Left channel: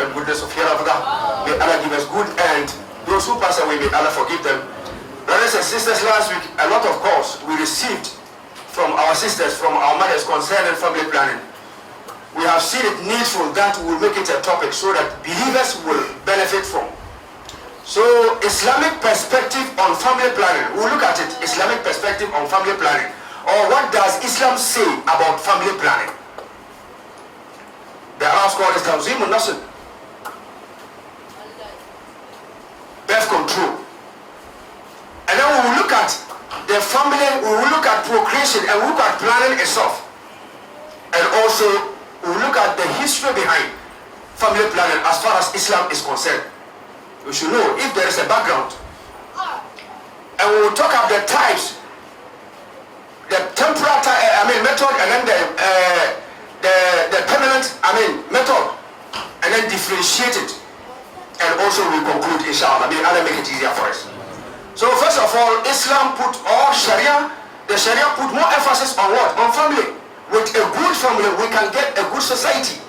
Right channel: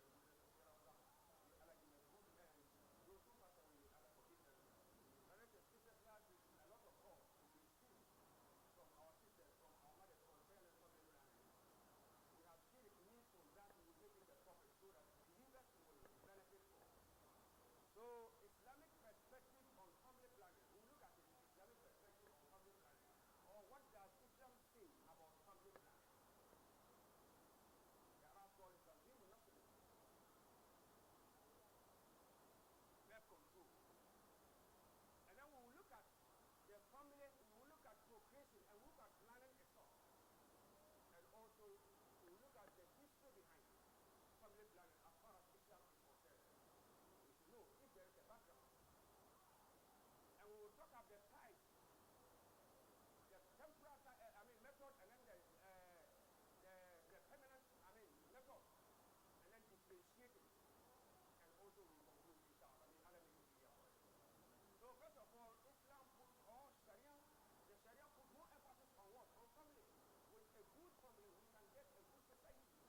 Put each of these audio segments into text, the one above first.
and goodness of hereafter. May Allah give us good, and those who pass away, may Allah forgive them. Brothers and sisters, last week a lot of calls we received from our sisters, from our mothers concerning family planning. We have seen it needful that we will make it a topic so that believers will benefit from. So Islamic perspective on family planning, we'll look at it, Islamic perspective on family planning. Or what does Islam say about family planning? The Arabs call it Tanzim al-Nasl, birth control. And then we will look at the family, we will look at procreation, and we will look at planning itself. And also we will look at the history behind family planning as far as Islam is concerned. We should know if there is a background. And we will talk about the types, the temporal method, and then the permanent method, and then differentiate it. And also we conclude, inshallah. May Allah make it easier for us. So first of all, Islam put, or Sharia, the Sharia put more emphasis on what? On family. With a good family, we can get a good society.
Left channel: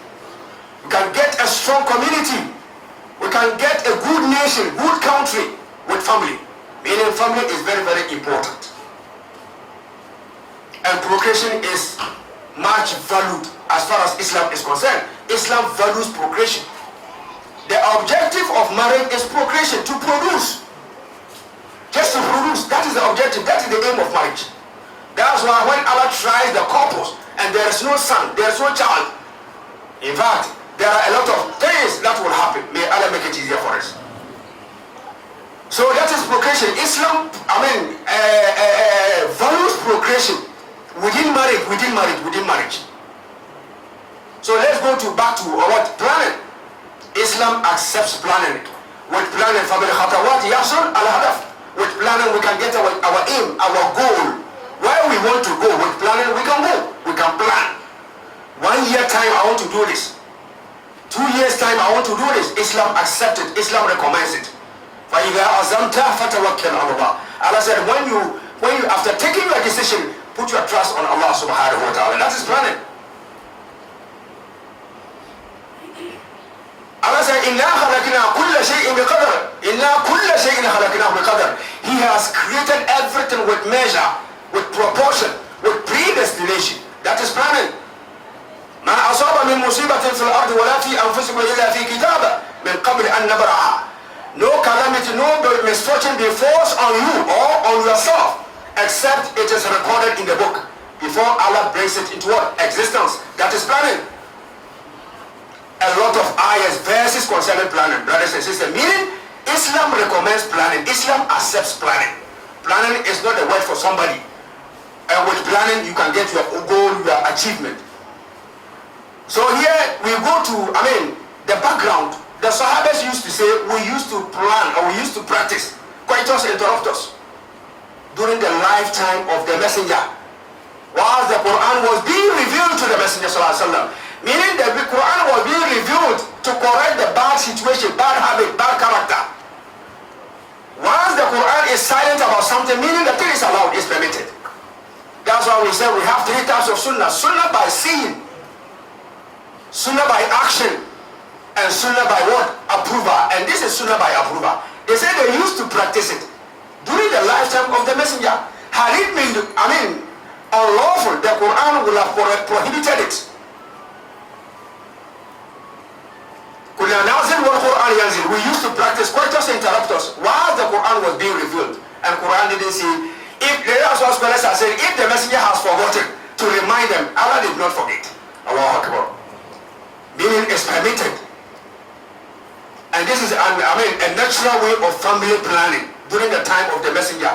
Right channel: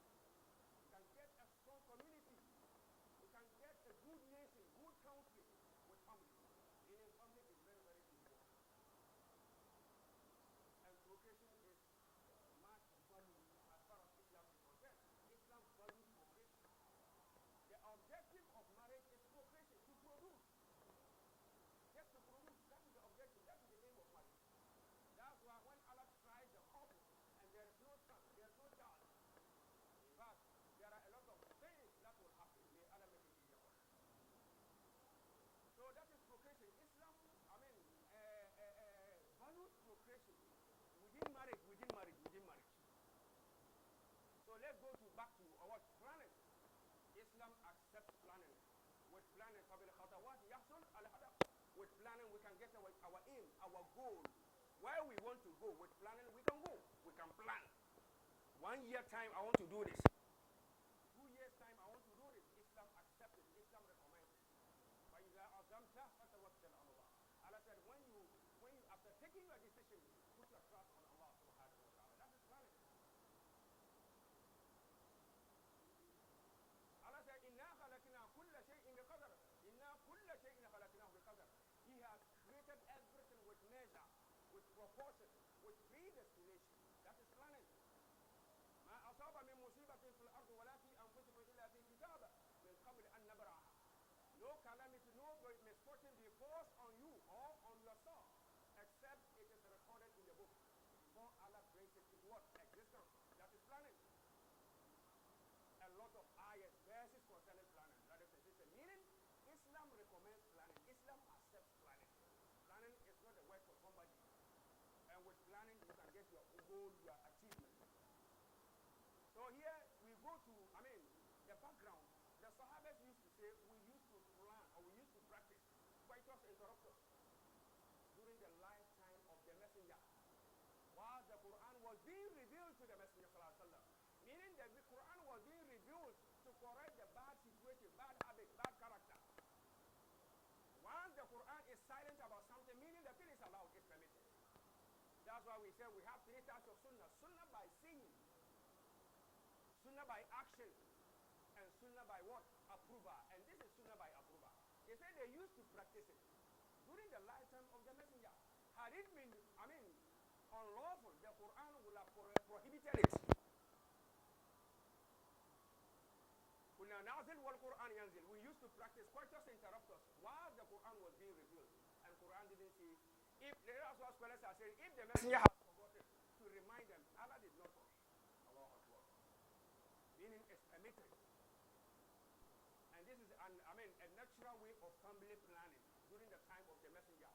We can get a strong community. We can get a good nation, good country with family. Meaning family is very, very important. And procreation is much valued as far as Islam is concerned. Islam values procreation. The objective of marriage is procreation, to produce. Just to produce, that is the objective, that is the aim of marriage. That's why when Allah tries the couples and there is no son, there is no child, in fact, there are a lot of things that will happen. May Allah make it easier for us. So that is procreation. Islam, values procreation within marriage. So let's go back to what? Planning. Islam accepts planning. With planning, family khatawat yasul al-hadaf. With planning, we can get our aim, our goal. Where we want to go, with planning, we can go. We can plan. 1 year time, I want to do this. 2 years time, I want to do this. Islam accepts it. Islam recommends it. فَإِذَا أَزَمْتَ فَتَوَكَّلْ عَلَى اللَّهِ. Allah said, when you after taking your decision, put your trust on Allah subhanahu wa ta'ala. That is planning. Allah said, إِنَّا خَلَقْنَا كُلَّ شَيْءٍ بِقَدَرٍ. إِنَّا كُلَّ شَيْءٍ خَلَقْنَاهُ بِقَدَرٍ. He has created everything with measure, with proportion, with predestination. That is planning. ما أصاب من مصيبة في الأرض ولا في أنفسكم إلا في كتاب من قبل أن نبرأها. No calamity, no misfortune befalls on you or on yourself, except it is recorded in the book before Allah brings it into what? Existence. That is planning. A lot of ayahs, verses concerning planning, brothers and sisters. Meaning, Islam recommends planning. Islam accepts planning. Planning is not a word for somebody. And with planning, you can get your goal, your achievement. So here we go to, the background. The Sahabas used to say, we used to plan, or we used to practice coitus interruptus during the lifetime of the messenger. Whilst the Quran was being revealed to the messenger sallallahu alaihi wasallam. Meaning that the Quran was being revealed to correct the bad situation, bad habit, bad character. Once the Quran is silent about something, meaning the thing is allowed, is permitted. That's why we say we have 3 types of sunnah. Sunnah by seeing, sunnah by action, and sunnah by what? Approval. And this is sunnah by approval. They say they used to practice it during the lifetime of the messenger. Had it been, unlawful, the Quran would have prohibited it. We used to practice coitus interruptus while the Quran was being revealed. And Quran didn't say, that's what scholars are saying, if the messenger has forgotten to remind them, Allah did not forget. Allahu Akbar. Meaning it's permitted. And this is a natural way of family planning during the time of the messenger.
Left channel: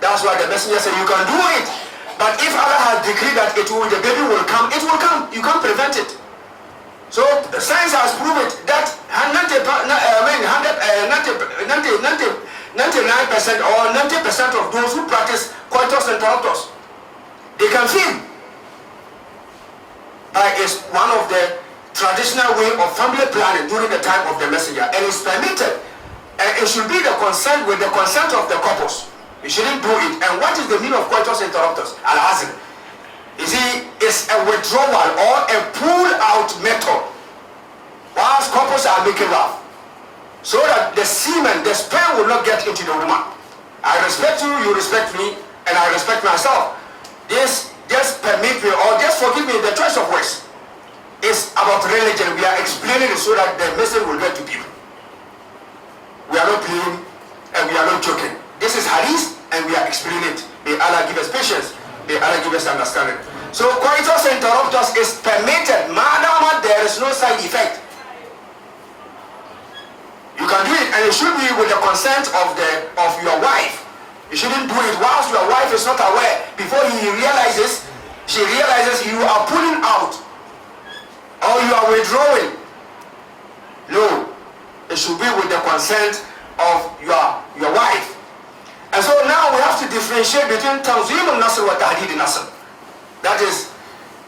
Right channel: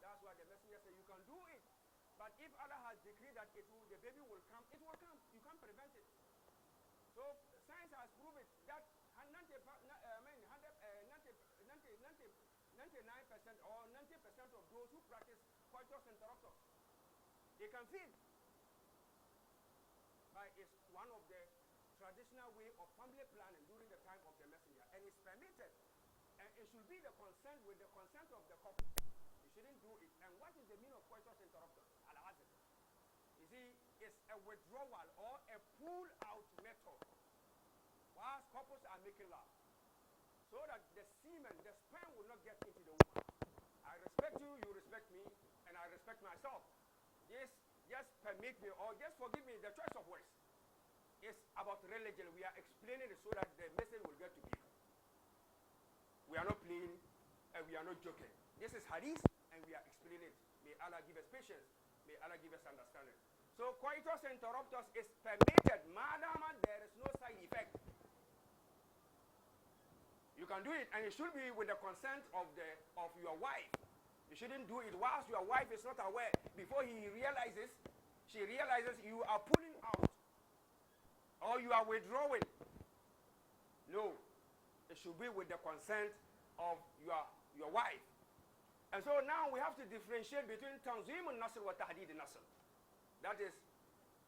That's why the messenger said you can do it. But if Allah has decreed that the baby will come, it will come. You can't prevent it. So science has proven that 99% or 90% of those who practice coitus interruptus, they can feel. It's one of the traditional way of family planning during the time of the messenger, and it's permitted, and it should be the consent with the consent of the couples. You shouldn't do it. And what is the meaning of coitus interruptus? Al-azl. You see, it's a withdrawal or a pull-out method whilst couples are making love, so that the semen, the sperm will not get into the woman. I respect you, you respect me, and I respect myself. This just permit me, or just forgive me the choice of words. It's about religion. We are explaining it so that the message will get to people. We are not playing and we are not joking. This is hadith and we are explaining it. May Allah give us patience. May Allah give us understanding. So coitus interruptus is permitted, madam, there is no side effect. You can do it, and it should be with the consent of your wife. You shouldn't do it whilst your wife is not aware. Before she realizes you are pulling out or you are withdrawing. No, it should be with the consent of your wife. And so now we have to differentiate between Tanzim al-Nasr and Tahdid al-Nasr. That is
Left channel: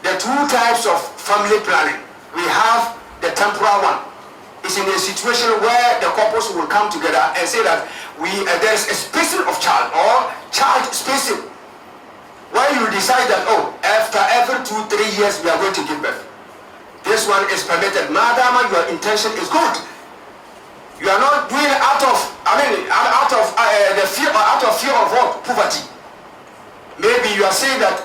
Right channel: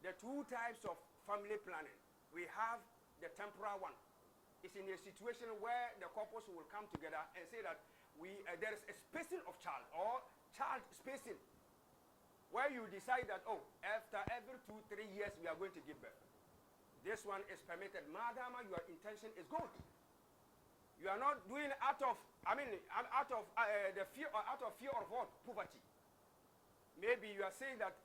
the two types of family planning. We have the temporal one. It's in a situation where the couples will come together and say that there is a spacing of child or child spacing. Where you decide that, oh, after every 2-3 years we are going to give birth. This one is permitted. Madam, your intention is good. You are not doing it out of fear of what? Poverty. Maybe you are saying that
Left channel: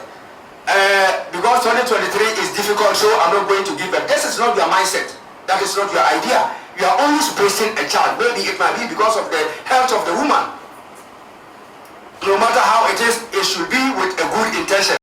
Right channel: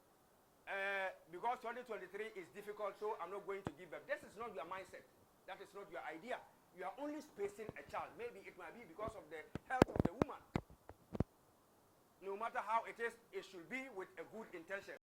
because 2023 is difficult, so I'm not going to give birth. This is not your mindset. That is not your idea. You are only spacing a child. Maybe it might be because of the health of the woman. No matter how it is, it should be with a good intention.